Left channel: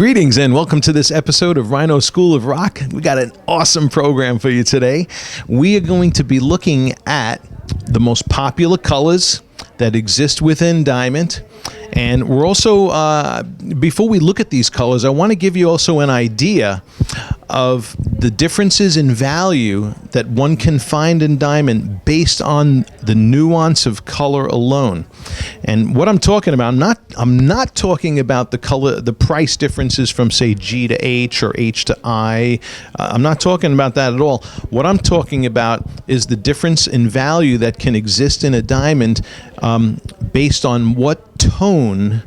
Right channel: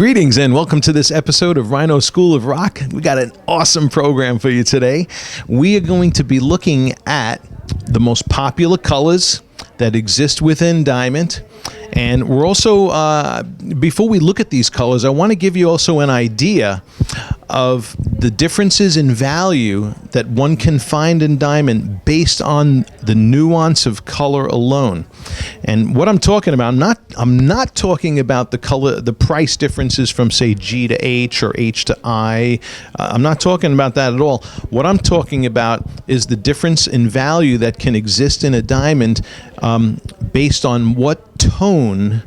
Greetings and welcome to this episode of Rhino School of Rock. We got an awesome program for you today. We are going to be looking at the most popular colors that exist within diamond. And we're also, before we look at these colors, I want to give you also an idea of the differences in value that one can find in diamond based on the nuance of color alone. And what I'm talking about, I'm not talking about the color, the price differences from say G to H or H to I. I'm not talking about that at all. What I'm talking about is the difference in value that can exist in a diamond based on what tone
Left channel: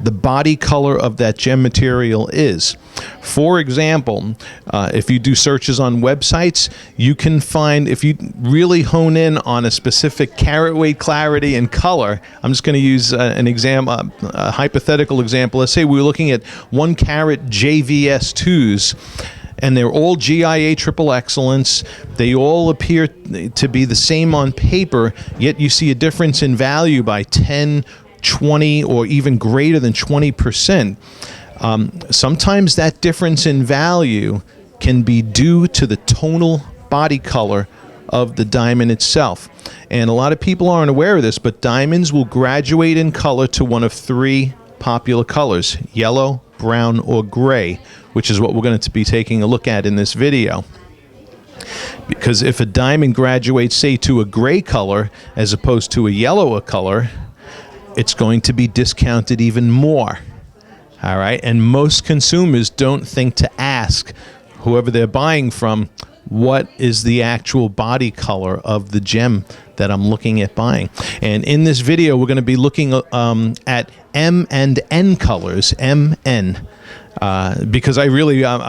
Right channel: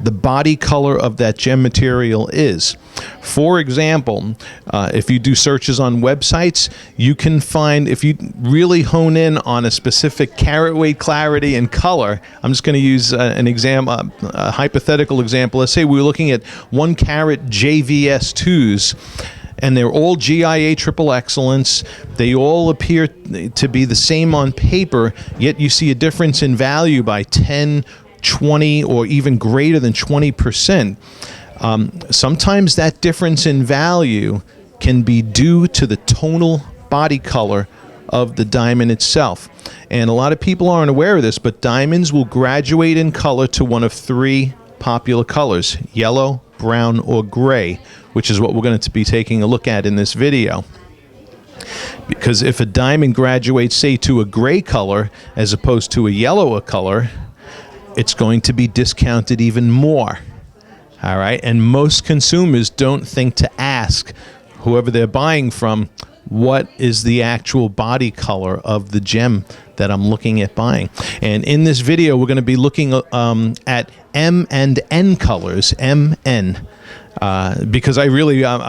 the body color of that gem material is. For example, if you do searches on websites, you can find, if you really hone in on a specific carat weight, clarity, and color, I'm just going to use a hypothetical example. Let's say we were looking at 1 carat JVS2s, and they're all GIA triple excellence. They all appear to be the same on paper, yet you see a difference in value by 10, 20, or even greater than 20%. Sometimes that difference in value can be due to the tonal body color of the diamond itself. And a lot of people aren't aware of this, but diamonds will graduate in color to one of 3 popular colors: yellow, brown, or gray, which is what we're going to be taking a look at in this video. Because if a diamond graduates, say, to a gray color as opposed to a yellow color, it's going to be discounted even more. All right, and most consumers don't think to ask whoever they're buying from, what is the actual body color of the gem that I'm looking at buying? And in this video, we're going to be looking at M and N colors, MN, because I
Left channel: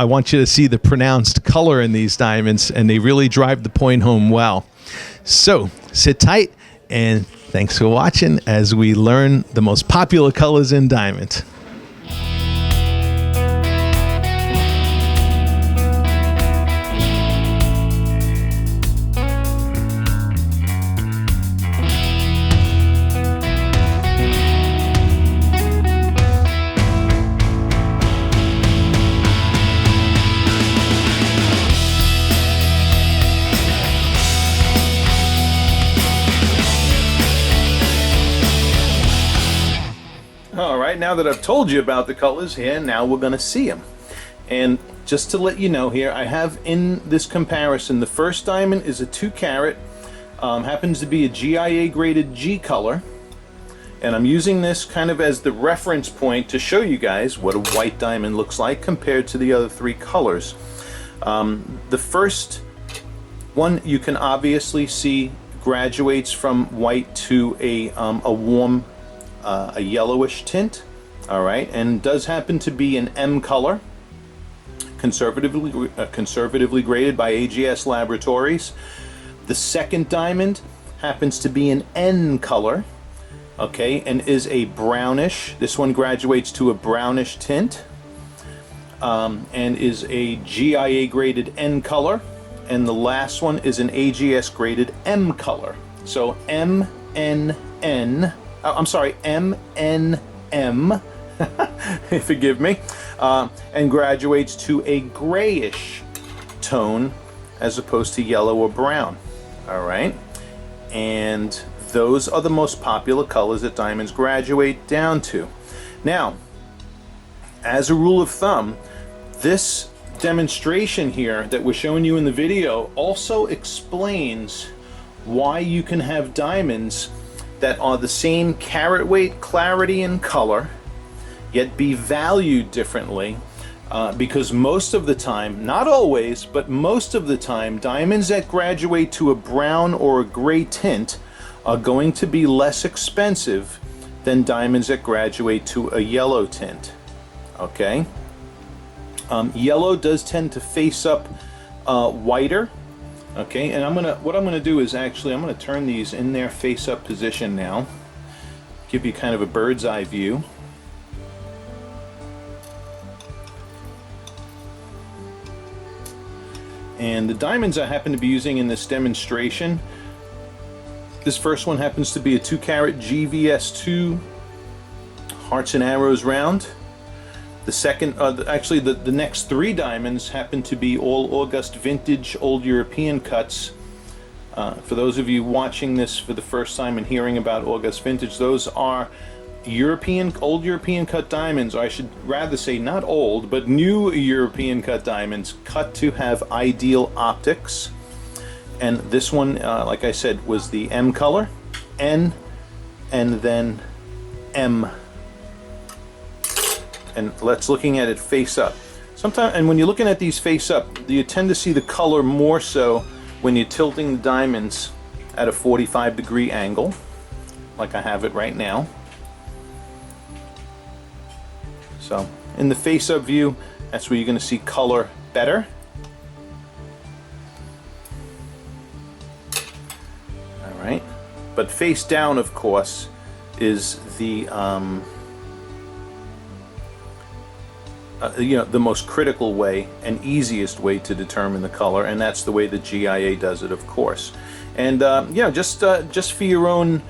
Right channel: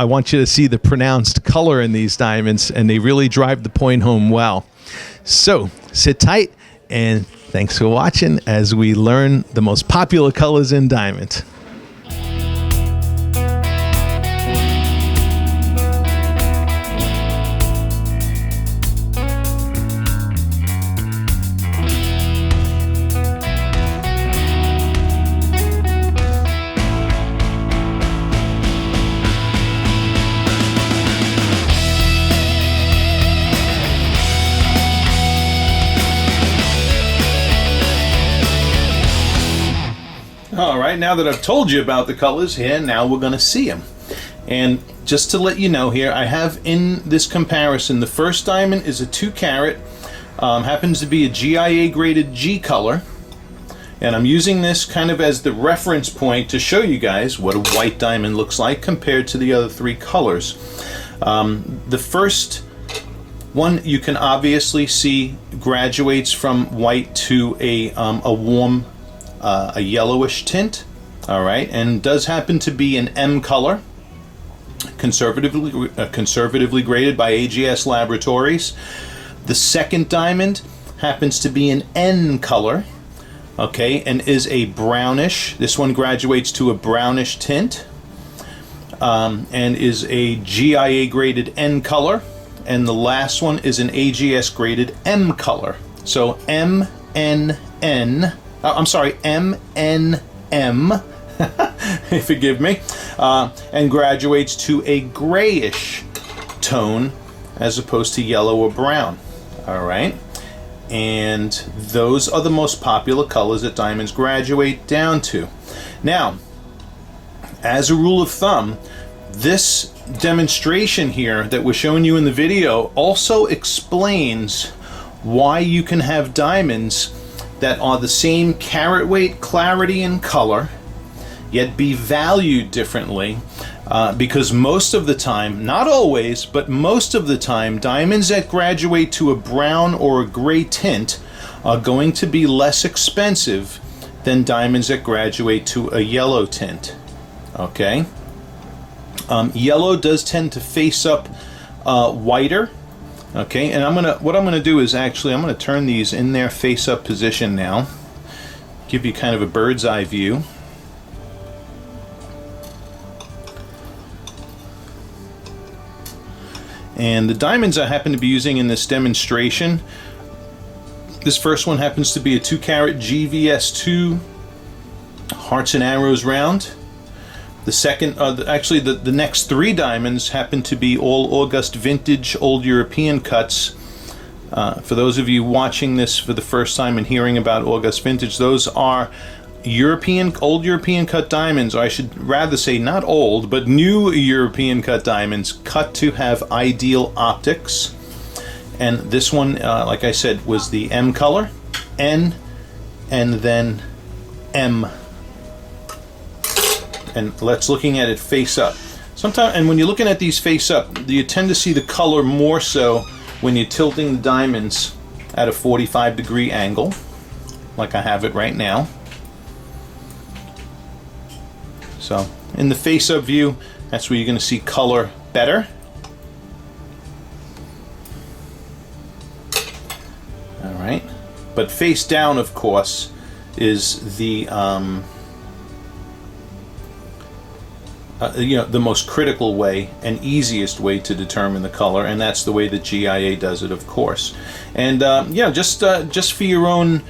want you to see the pronounced color in these diamonds, and they really drive the point home well. So sit tight, and thanks for watching as we learn the most popular colors in diamond. Now that I've told you about the colors here, now we're going to see them. And just to let you know here, I have in this comparison, the first diamond is a 2 carat, happens to be a GIA graded G color, and I'm using this kind of as the reference point to show you guys what a white diamond looks like compared to the other 3 colors. The first one you can obviously see graduates from white to a warm a yellowish tint, all right, and does happen to be an M color, conservatively graded by AGS Laboratories. The second diamond happens to be an N color, okay, and is a brownish. This one graduates to a brownish tint, and is a GIA graded N color, and the last one is an AGS graded M color. So MNN. I'm sorry, MNM, forgive me, and graduates to a grayish tone as opposed to yellow or brown. All right, and those are the most popular colors that diamonds graduate down to. Now, as a rule of thumb, this demonstration here that we're showing you in the video also explains why you can have diamonds that are the same carat weight, clarity, and color, yet be valued differently, because most of the time, not always, but most of the time, diamonds that graduate to a brown or a gray tint are going to be less expensive than diamonds that graduate to a yellow tint. Okay? Yellow does tend to face up whiter. Okay, and what I'm gonna do is actually I'm gonna turn these in their face-up position now, give you kind of a bird's eye view. And the diamonds I happen to be using in this demonstration, this first one happens to be a 2 carat GVS2 Hearts and Arrows round. The second, actually the next 3 diamonds happen to be all August vintage old European cuts. For those of you watching this for the first time and hearing about August vintage, those are old European cut diamonds, or I should rather say not old, but new European cut diamonds, cut to have ideal optics. And this one, like I said, was the M color, N, and then M. And let's looking at it face up. Sometimes, and when you're looking at these face up, you tend to see the color more so when you're tilting the diamonds at a 45-degree angle, like I have it right now. So in the face up view, that's where you're going to see color better. All right, but face down, of course, is the the most critical way and easiest way to determine the color, and that's the way that GIA does it, of course. And just for your own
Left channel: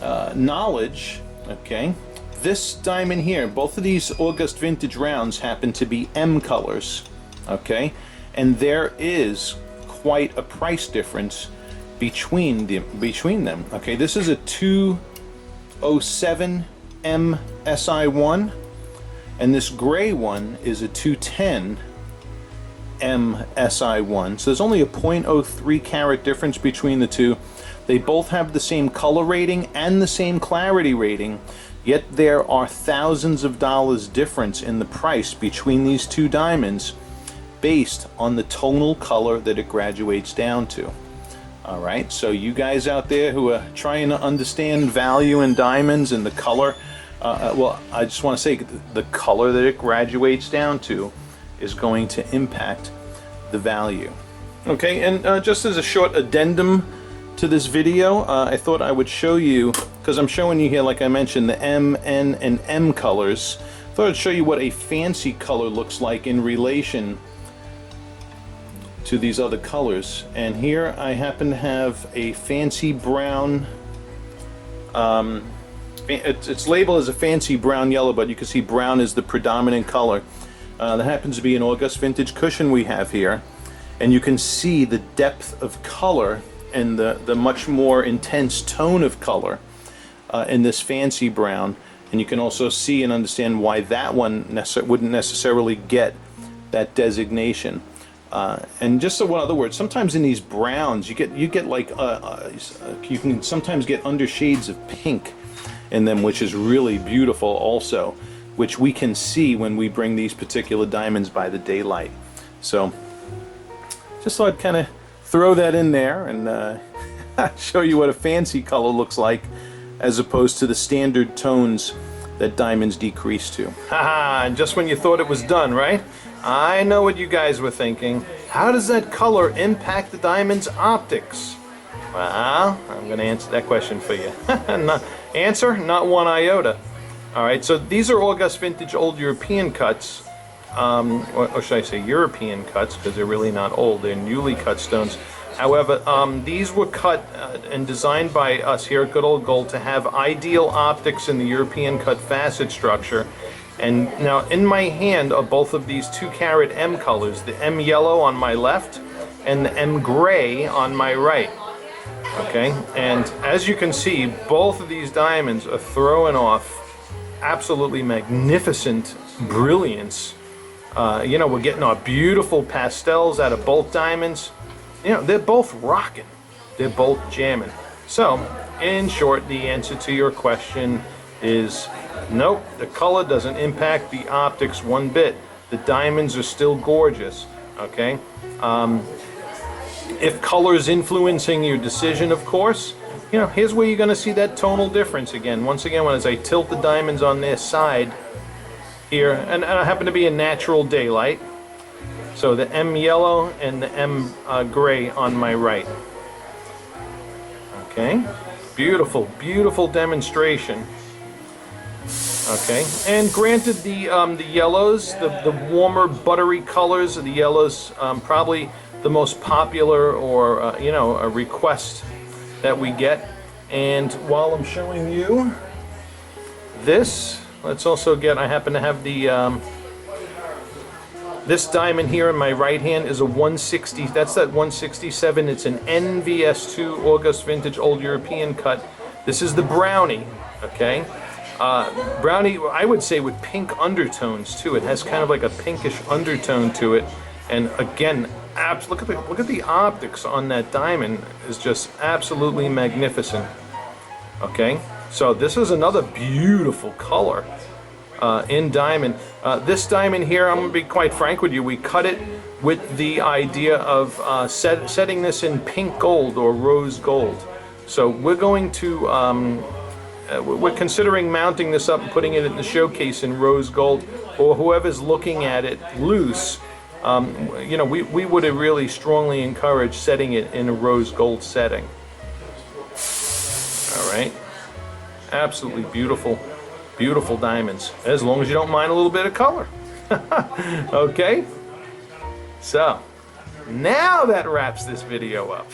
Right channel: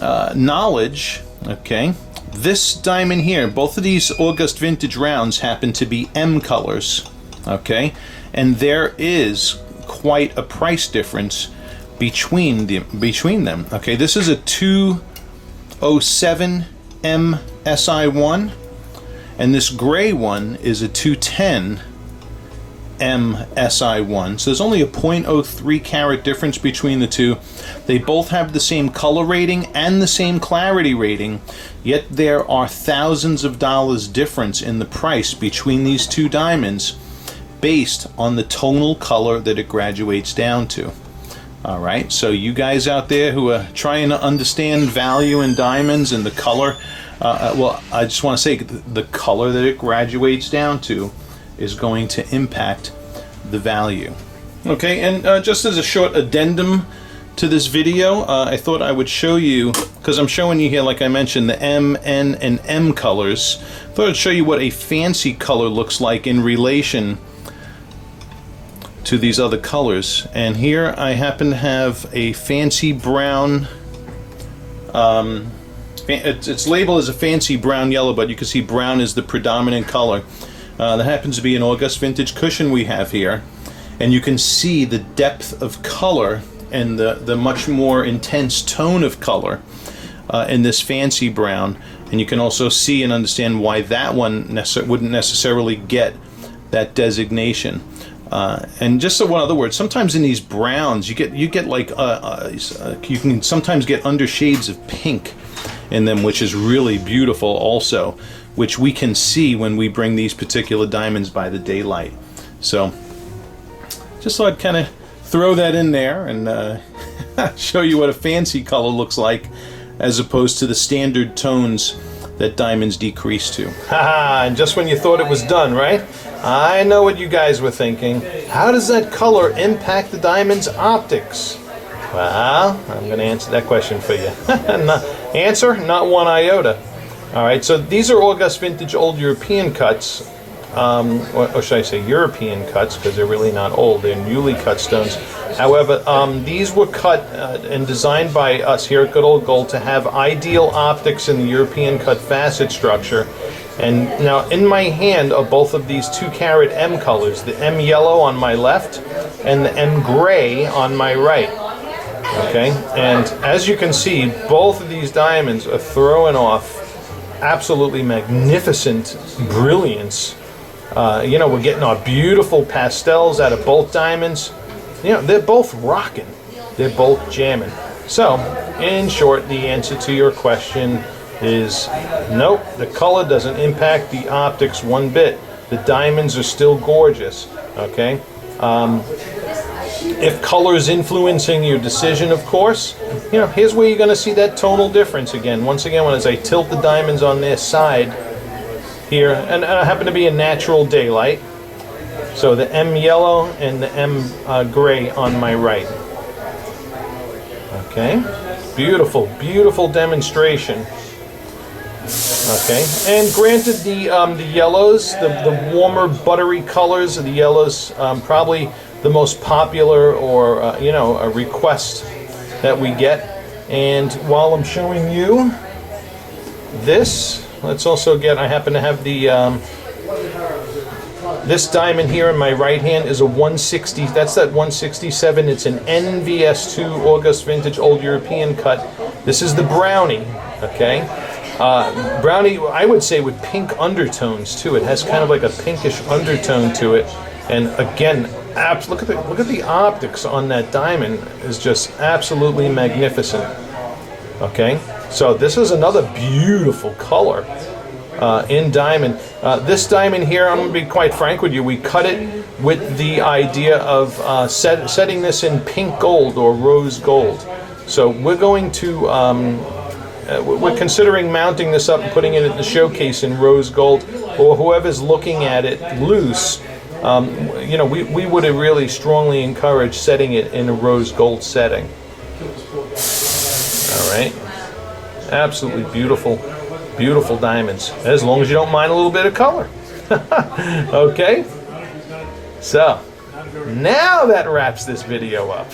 knowledge, okay, this diamond here, both of these August vintage rounds happen to be M colors, okay, and there is quite a price difference between them. Okay, this is a 207 MSI1. And this gray one is a 210 MSI1. So there's only a 0.03 carat difference between the two. They both have the same color rating and the same clarity rating, yet there are thousands of dollars difference in the price between these two diamonds based on the tonal color that it graduates down to. All right, so you guys out there who are trying to understand value in diamonds and the color, well, I just want to say the color that it graduates down to is going to impact the value. Okay, and just as a short addendum to this video, I thought I would show you, because I'm showing you here, like I mentioned, the M, N, and M colors. I thought I'd show you what a fancy color looks like in relation to these other colors. And here I happen to have a fancy brown, it's labeled as a fancy brown yellow, but you can see brown is the predominant color. That happens to be an August vintage cushion we have here, and you can see the depth of color and the much more intense tone of color in this fancy brown, and you can also see and understand why that one wouldn't necessarily get that designation. And just so one other word, sometimes in these browns you get like you can sometimes get undershades of pink in them, which is really beautiful also, which we can see when we bring these particular diamonds by the daylight. So just thought I'd kind of throw that in there and show you what a fancy color looks like as opposed to the standard tones that diamonds decrease to. Haha, and just when you thought it was done, right? I know what you guys were thinking. How does that color impact the diamond's optics? Well, I'm going to answer that question for you. Answer? Not one iota. All right, so these are August vintage old European cuts, or should I say European cuts, because they're really not old, they're newly cut stones. However, these were cut and designed by us here at Good Old Gold to have ideal optics in the European cut facet structure. And now in my hand are both of these 2-carat M colors, the M yellow on my left and the M gray on my right. Okay, and as you can see, both of these diamonds are throwing off absolutely magnificent brilliance. We're getting our beautiful pastels out of both diamonds. They're both rocking. They're both jamming. So, in short, the answer to your question is nope, the color doesn't impact the optics one bit. The diamonds are still gorgeous, okay? If color is influencing your decision, of course, here's where you're going to see that tonal difference again. Once again, as I tilt the diamonds on their side here, and I happen to be in natural daylight, so the M yellow and the M gray on my right. Okay, beautiful, beautiful demonstration. Okay, and granted, the yellows, the warmer, buttery colors of the yellows, probably the most popular or a request that we get. And while I'm showing you this, let's also get, I happen to have the, this diamond here in my right hand is a 160, that's that 167. It's an NVS2 August Vintage Old European cut. This is the Brownie, okay? Brownie, I would say with pink undertones too. It has kind of like a pinkish undertone to it. And again, look at the optics on that diamond is just absolutely magnificent. Okay, so this is another beautiful color in diamond. This diamond here, I'm going to be quite frank with you, we cut it with the idea of setting this in pink gold or rose gold. So we're going to, we're considering mounting this up and putting it in the showcase in rose gold, or whoever's looking at it loose. You know, we would really strongly encourage setting it in a rose gold setting. All right, absolutely beautiful, beautiful diamonds, as long as you don't mind a little bit of color. Okay, so now that wraps this video up.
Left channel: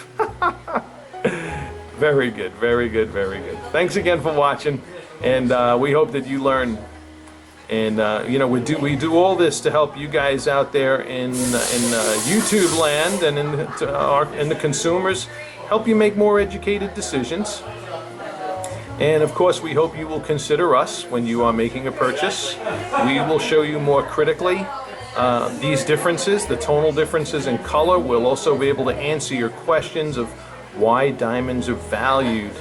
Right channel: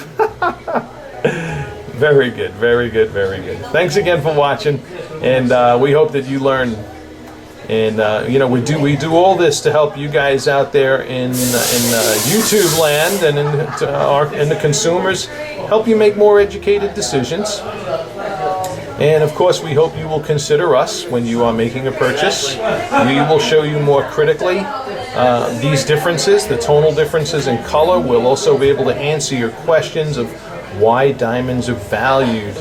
Very good, very good, very good. Thanks again for watching, and we hope that you learn. And you know, we do all this to help you guys out there in YouTube land and in the consumers, help you make more educated decisions. And of course, we hope you will consider us when you are making a purchase. We will show you more critically these differences, the tonal differences in color. We'll also be able to answer your questions of why diamonds are valued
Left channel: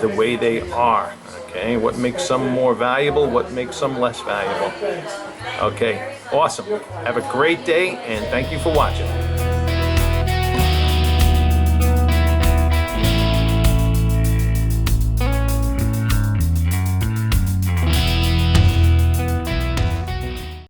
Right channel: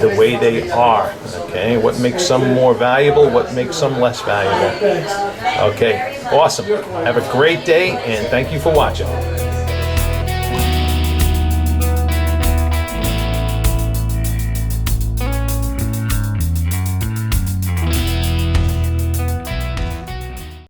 the way they are. Okay, what makes some more valuable, what makes some less valuable. Okay, awesome. Have a great day, and thank you for watching.